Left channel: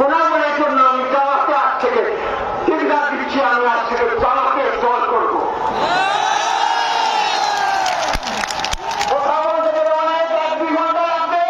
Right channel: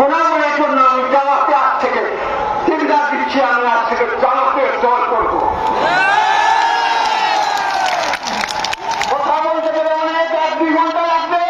প্রণামের জন্য আমি জামাতে আজ থেকে চিন্তা দিচ্ছি, আমি আজ থেকে জামাতে দল করব। কথা বলতে গেলে অনেক 1-2 ঘন্টা লাগবে।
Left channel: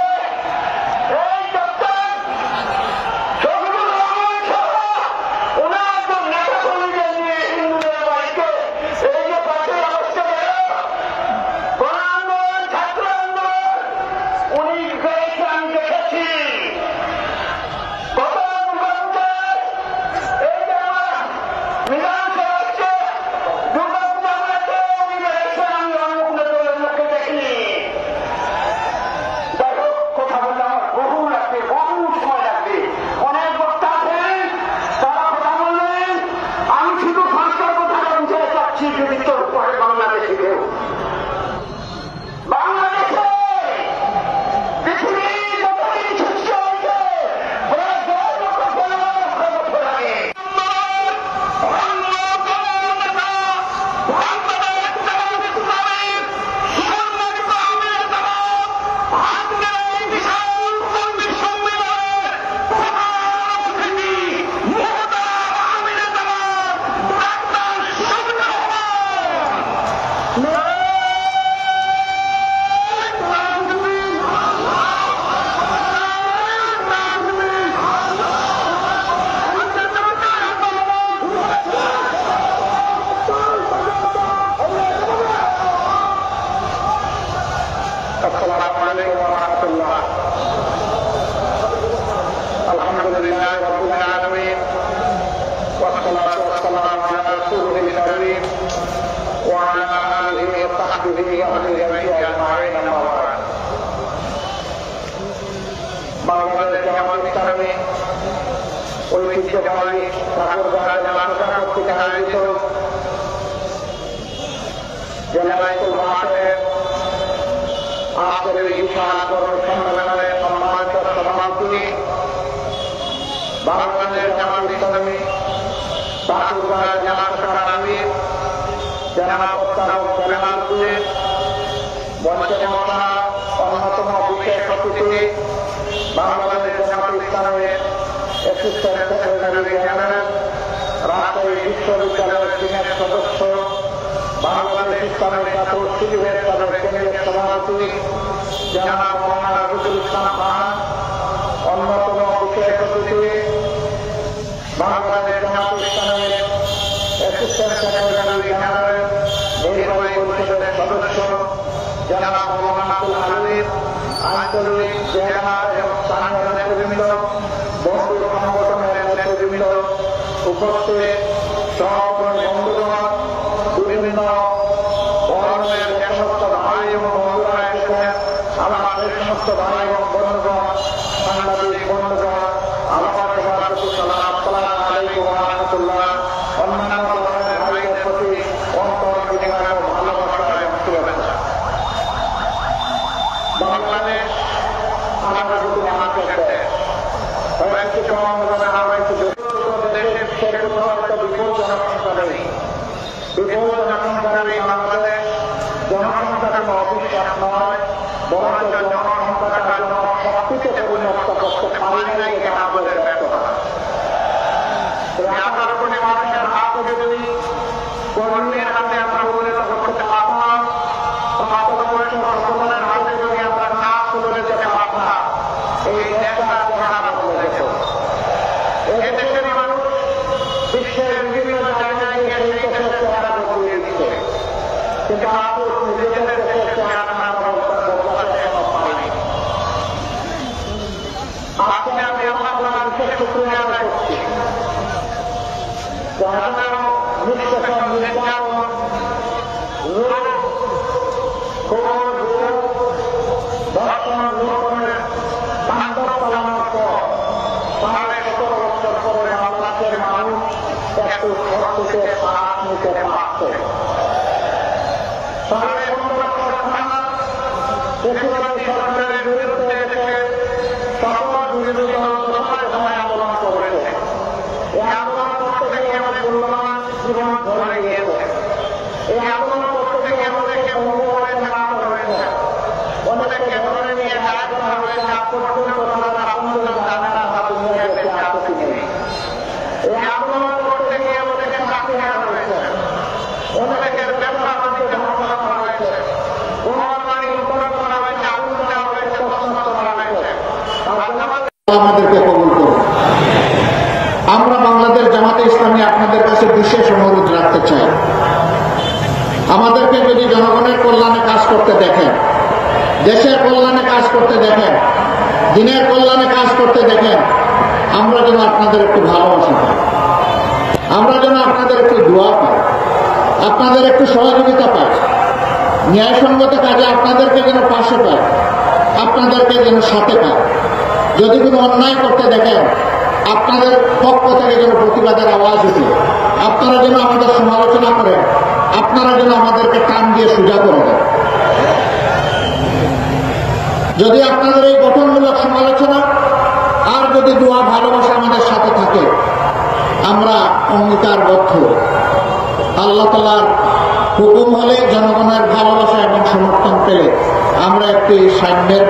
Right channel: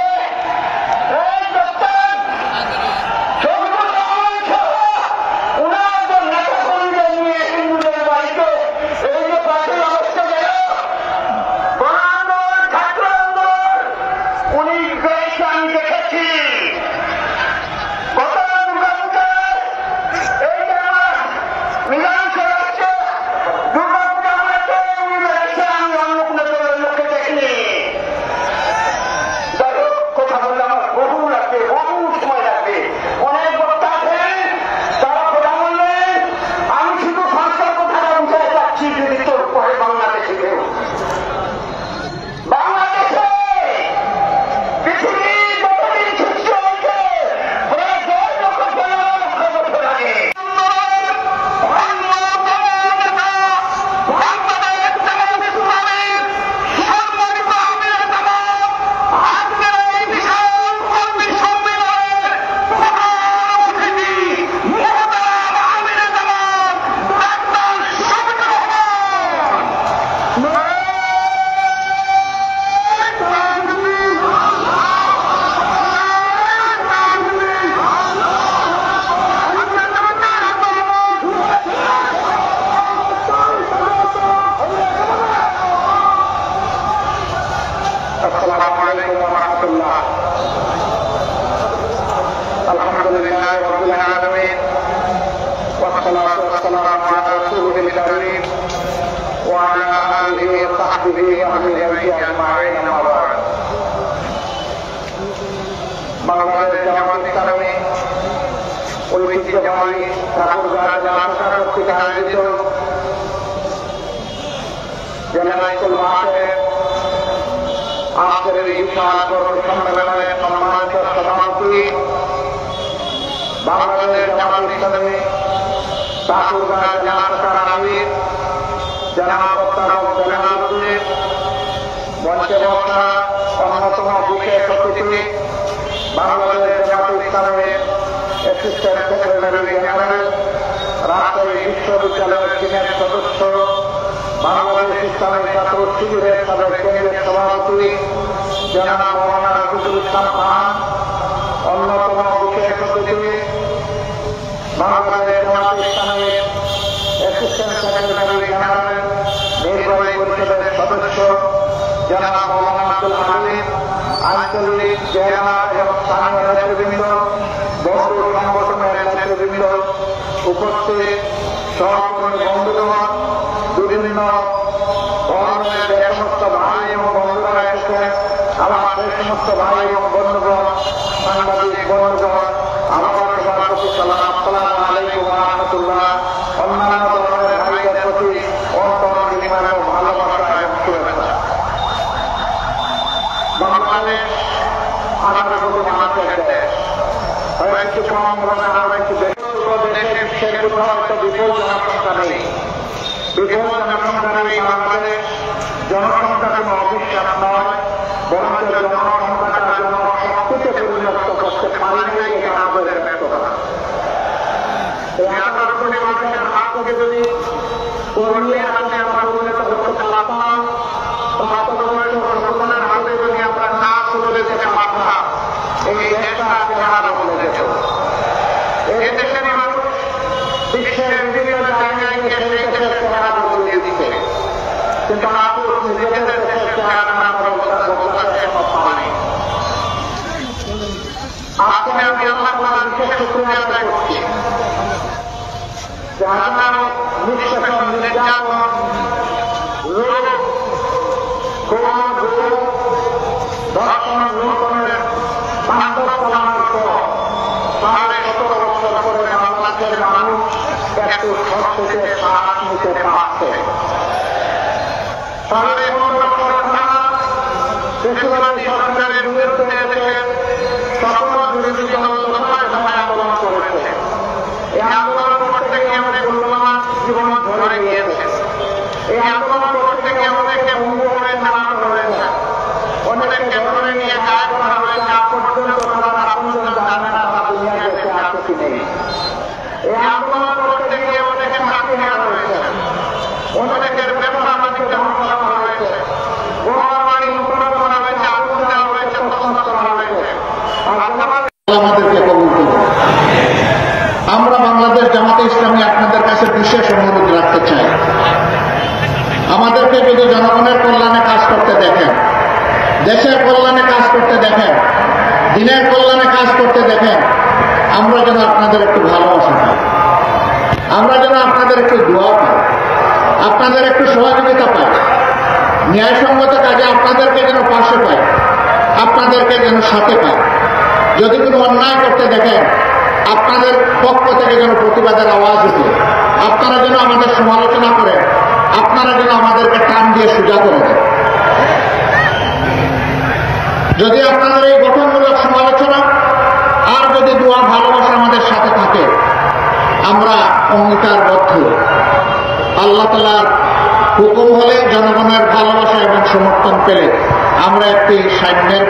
ঐতিহ্যবাহী ঠাকুরগাঁ জামাতা কর্তৃক আয়োজিত জেলামাইতুল মাঠে আজকের এই বিশাল কর্মী সম্মেলনের সম্মানিত সভাপতি বাংলাদেশ জামাত ইসলামী ঠাকুরগাঁ জামাতার আমির জনাব মোস্তাক বেলালুদ্দিন, মঞ্চে বসা অন্যতম বিশেষ অতিথি বাংলাদেশ জামাত ইসলামের অ্যাসিস্ট্যান্ট সেক্রেটারি জেনারেল, রাজশাহী বিশ্ববিদ্যালয়ের সিনেট সদস্য, বাংলাদেশ ইসলামী ছাত্র শিবিরের তাদের কেন্দ্রের সভাপতি জনাব মৌলানা রাজিদুল ইসলাম খান, অন্যতম বিশেষ অতিথি বাংলাদেশ জামাত ইসলামের অ্যাসিস্ট্যান্ট সেক্রেটারি জেনারেল, নির্বাহী পরিষদের সদস্য জনাব মৌলানা আব্দুল হামিদ, আঞ্চলিক জেলা এবং স্থানীয় নেতৃবৃন্দ, বন্ধু সংগঠনের নেতৃবৃন্দ, উপস্থিত সহকর্মী বন্ধুগণ, বিভিন্ন ধরনের যে সমস্ত ভাই এবং বন্ধুরা এসেছেন, আমার সেই সমস্ত ভাই এবং বন্ধুগণ, সাংবাদিক বন্ধুগণ, আমার সবার প্রতি সালাম, আসসালামু আলাইকুম ওয়া রাহমাতুল্লাহ। অন্যান্য ধরনের ভাইদের প্রতি অন্তর বিনিময় ভালোবাসা এবং শুভেচ্ছা। বাংলাদেশ আমাদের প্রতি মানুষের দেশ, হয়তো কম হয়তো দেশের কোথাও একটা বিপুল জনসংখ্যা নেই। বিপুল জনসংখ্যা নেই বাংলাদেশ। জনসংখ্যা কোনো অবিশ্বাস নয়, বরঞ্চ জনসংখ্যাটা জনশক্তিতে পরিণত করতে পারি নাই, এটা আমাদের ব্যর্থতা। করলে আসলে আমরা পরিণত করতে পারতাম, বাস্তবতা সকলের হাতে যদি আমরা না চলে যেতে পারতাম, এই দেশটা চেহারা বদলে যেত। এই দেশের মানুষ বিশ্বের বিভিন্ন জায়গায় সেই দেশের চেহারা বদলে দিচ্ছে, কিন্তু মানুষ নিজেদের দেশের চেহারা না বদলাতে সমর্থ হয়। আজকে আমি আমার বিশেষ শুক্রিয়া আদায় করছি, যারা নিঃশাসন, নির্যাতন, বর্তমান লুণ্ঠনের তাণ্ডব চালানোর পর 17.5 বছর পরে বাংলাদেশের মানুষ একটু স্বস্তিতে শ্বাস নিতে পারছে। 15.5 বছর বেশিরভাগই সরকারের বিরুদ্ধে এসে সকল বিরোধী দল সময় আন্দোলন করেছে। এই আন্দোলন করতে গিয়ে আমাদের মূল্যবান জীবন ধরে নিয়েছে। এই আন্দোলন করতে গিয়ে অনেকে বন্ধু হয়ে নামানো হয়েছে, অনেকে ধরে নিয়ে কাজ করা হয়েছে, পর্যন্ত তারা আপনজন জানে না তারা দুনিয়া গেছে আছে আমাদেরকে কবুল করুন। আমরা বাংলাদেশ জামাতে ইসলামী আপনাদের কাছে বিশেষ অনুরোধ রাখতে চাই, আমাদেরকে যদি জনগণের কল্যাণে কাজ করতে দেখেন, দেশের কল্যাণে কাজ করতে দেখেন, দিনের কল্যাণে কাজ করতে দেখেন, আমরা যেন আপনাদের একটু ভালোবাসা পাই, আমরা যেন আপনাদের একটু দোয়া পাই, আপনাদের একটু সহযোগিতা পাই, ন্যায়সঙ্গত কাজে আপনাদেরকে যেন পাশে পাই, আপনাদেরকে যেন সাথে পাই। যদি কোনো অন্যায় করতে দেখেন, আপনাদের পক্ষ থেকে যেন প্রতিবাদের আওয়াজ উঠে, আপনারা যেন আমাদের সমালোচনা করেন, আপনারা যেন আমাদেরকে টান দিয়ে সোজা করে দেন। যদি আপনাদের এই গঠনমূলক সমালোচনা আর যদি দোয়া ভালোবাসা আমাদের সাথে থাকে, আমরা অঙ্গীকারবদ্ধ আল্লাহ তাআলার হুকুম হলে, জনগণের ভালোবাসা এবং সমর্থন পেলে আমরা একটি সাম্যের